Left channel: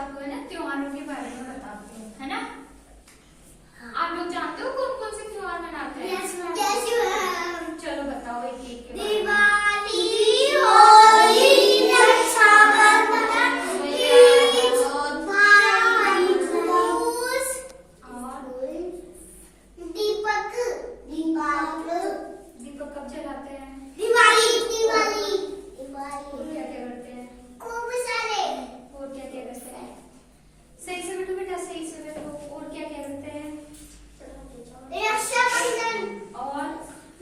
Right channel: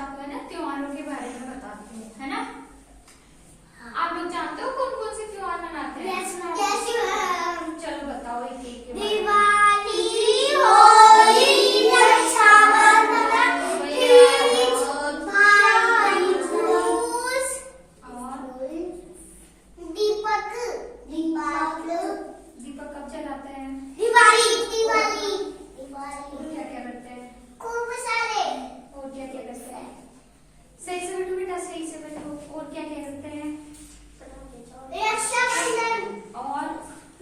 आपको है ना त्योहारों के बारे में बताती हूँ, है ना। आप लोग जानते हो कौन कौन से त्योहार मनाते हैं? चलो बताओ एक एक। दिवाली, होली, रक्षाबंधन, भाई दूज और दीपक। दीपक कब जलाते हैं? दिवाली। और क्या क्या करते हैं? खूब सारे। और क्या क्या करते हैं? सही से बैठो बेटा, सही से बैठो। और क्या क्या करते हैं? रक्षाबंधन और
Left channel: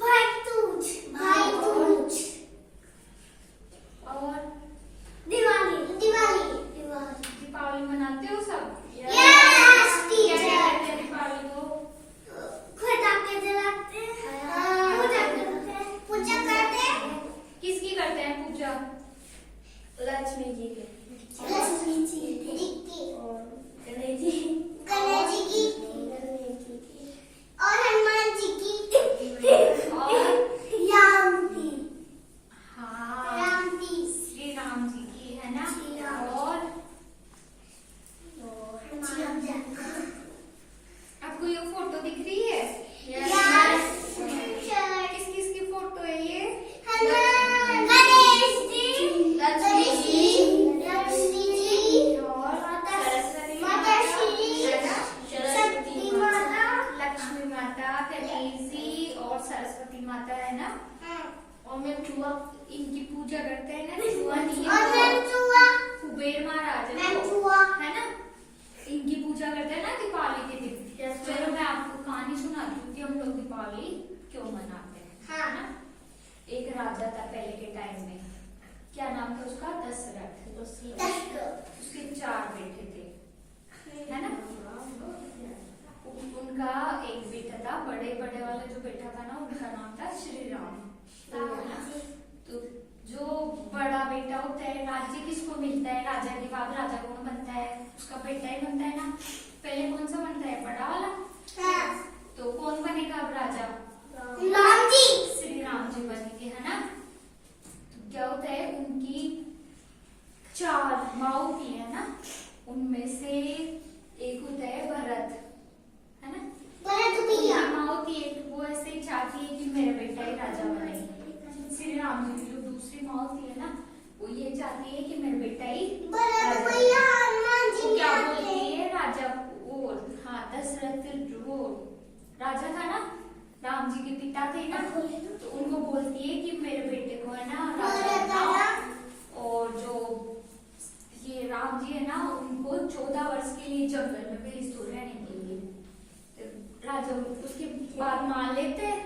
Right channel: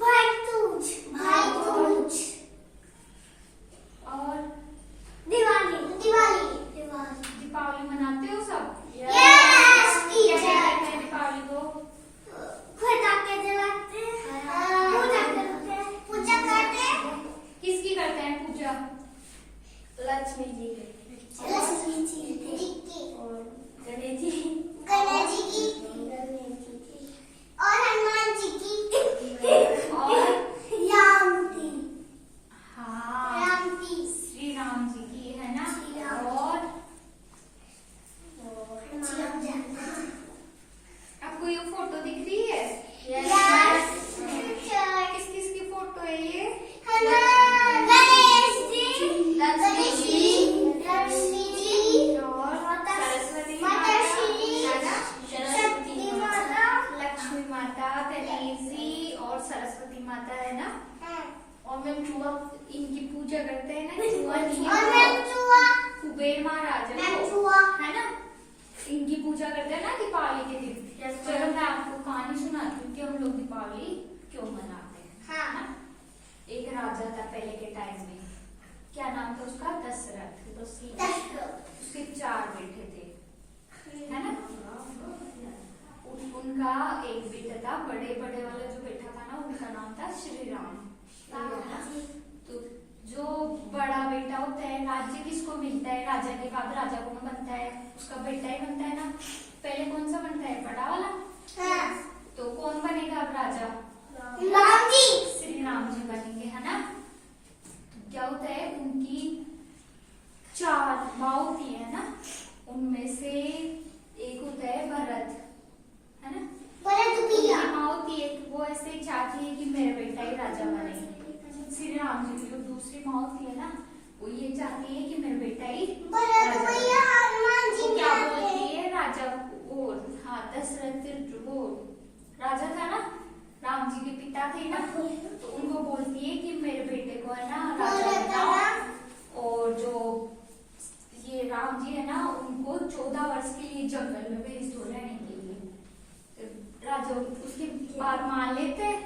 भाई दूज और दिवाली। दीपावली मनाते हो सब? Yes, क्या teacher. क्या करते हैं दीपावली को? पटाखे जलाते हैं, पूजा करते हैं। किसकी करते हैं पूजा? लक्ष्मी जी के लक्ष्मी जी की और गणेश जी की और हनुमान जी की और राम की श्री राम जी की, है ना। और आपको ये फोटो दिख रही है? किस किस की फोटो है ये? गणेश जी, लक्ष्मी जी और माता श्री शक्ति माता, लक्ष्मी माता, गणेश जी और सरस्वती माता, है ना। और मैं चूहा इनकी पूजा करते हैं ना, कुबेर महाराज है ना, इनकी पूजा करते हैं ना दीपावली के दिन। चलो मैं आपको कहानी सुनाती हूँ कि हम लोग दीपावली क्यों मनाते हैं, है ना। एक राजा था पहले के टाइम में, क्या नाम था उसका? दशरथ। उसके 4 बेटे थे, है ना। उनका एक बेटा था, बड़े वाला जो बेटा था ना, उनका नाम था श्री राम। तो जो बड़ा बेटा होता है, राज्य किसको मिलता है? राजा के बाद राजा कौन बनता है? उसका बेटा ही बनता है ना। पहले कौन सा बनता है? बड़ा वाला। तो कौन बनेगा अब राजा? राम जी। श्री राम जी बनेंगे, है ना। तो क्या होता है, उनकी 4 माँ होती है ना, उनमें से एक होता है भरत, है ना। भैया माँ होती है, वो ऐसे ही चाहती है कि मेरा बेटा ही राजा बने, श्री राम जी की। तो दूसरी माँ होती है ना, वो ये चाहती है कि मेरा बेटा ही भैया हनुमान जी क्या बोलती है राजा वो, हाँ दशरथ वो राजा था ना, राम जी के पिता थे ना, तो उनको बोलती है कि मेरे बेटे को है ना राजा बनाओ। और जो ये राम जी है ना, उनको 14 वर्ष के लिए जंगल में भेज दो रहने के लिए। राजा उसके बात मान लेते हैं,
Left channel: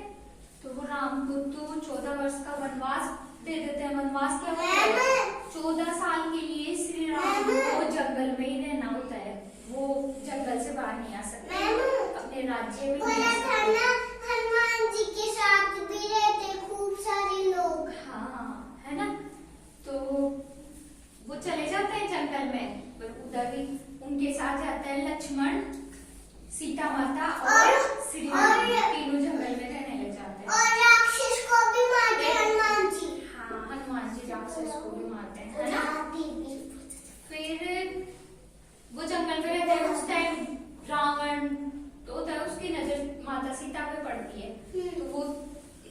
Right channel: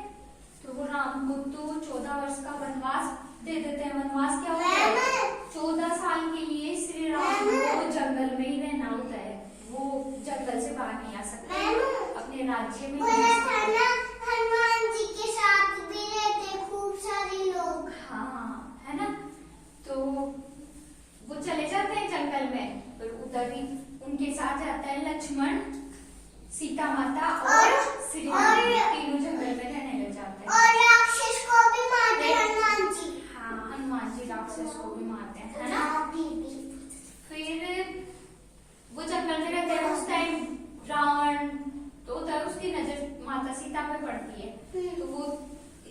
तो वो राम को तो 14 वर्ष का वनवास दे देते हैं। वनवास क्या होता है? 14 साल के लिए श्री राम को जंगल में ही रहना होता है, वो जंगल से बाहर नहीं आ सकते, अपने राज्य में हनुमान जी के साथ भी रहते खूब सारे लोग। हाँ, है ना। तो वो चले जाते हैं जंगल में, पर उधर भी उनके साथ जाता है लक्ष्मण, सीता माता और श्री राम, तीनों जंगल में रहने लग जाते हैं। और राक्षस को भी मारते हनुमान जी। हाँ, हनुमान जी राक्षस को भी मारते हैं, है ना। फिर वो जंगल में रहते हैं, उस टाइम रावण तो होता है, उसकी नजर माता सीता पे पड़ती है, तो वो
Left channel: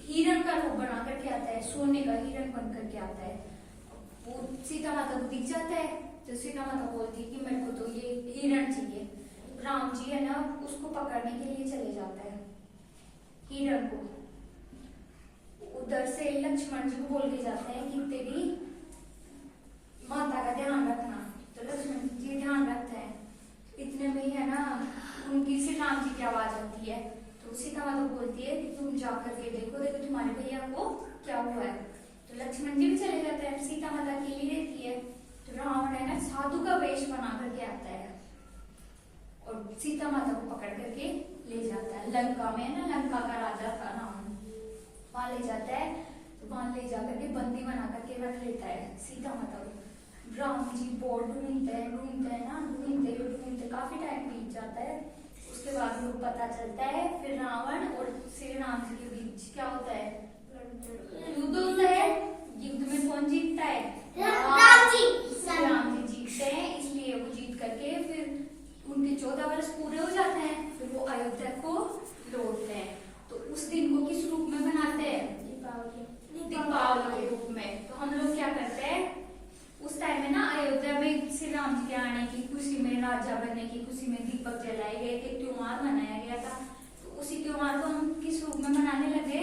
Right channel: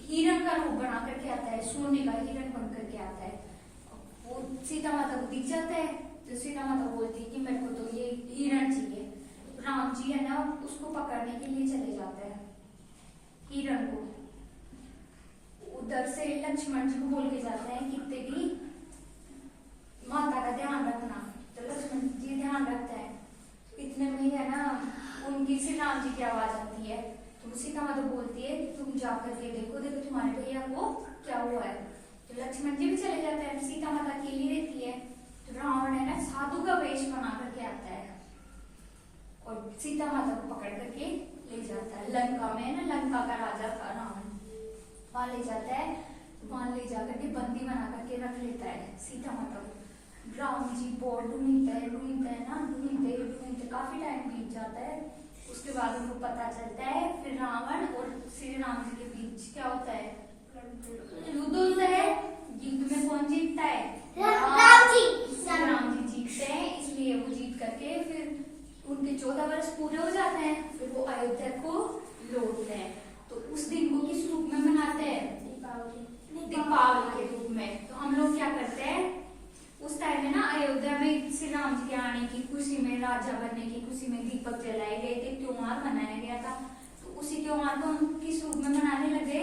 हिरण का रूप बना करके आता है, सोने का हिरण बन करके आता है। वो सीता माता को दिख जाता है, तो सीता माता बोलती है कि मेरे को तो ये हिरण चाहिए। राम जी है ना, उसको पकड़ने के लिए चले जाते हैं हिरण को। उधर से लक्ष्मण जी को बोल के जाते हैं कि तेरी माता का ध्यान रखना। तो लक्ष्मण जी ध्यान रखते हैं। इतने में ही है ना, उनकी श्री राम जी की आवाज आती है, तो सीता माता बोलती है कि तुम जा करके देखो तुम्हारे भैया को क्या हुआ है। तो लक्ष्मण जी भी चले जाते हैं, सीता माता अकेली रहती है। तो रावण है ना, साधु का वेश बना करके आता है और सीता माता को पकड़ करके ले जाता है लंका में, ना लंका का राजा था रावण, वहां ले जाता है। तो वहां ले जाकर के बंदी बना करके रख लेता है सीता माता को। राम जी बहुत ढूंढते हैं ना, ढूंढते काफी टाइम बीत जाता है। उसके बाद उनको पता चलता है, फिर रावण और श्री राम जी के बीच क्या होता है? युद्ध होता है। युद्ध में कौन जीतता है? राम जी। राम जी जीतते हैं, इसलिए वो जीत करके 14 वर्ष पूरे हो जाते हैं तो वो अयोध्या को लौटते हैं। तो उस दिन को किस रूप में मनाते हैं? दीपावली के रूप में। तो हम लोग क्या करते हैं उस टाइम में ना, अयोध्या में श्री राम जी के आने की खुशी में, राजा बनने की खुशी में दीपक जलाए गए थे, त्योहार मनाया गया था। तो उसी त्योहार को हम किस रूप में मनाने लगे?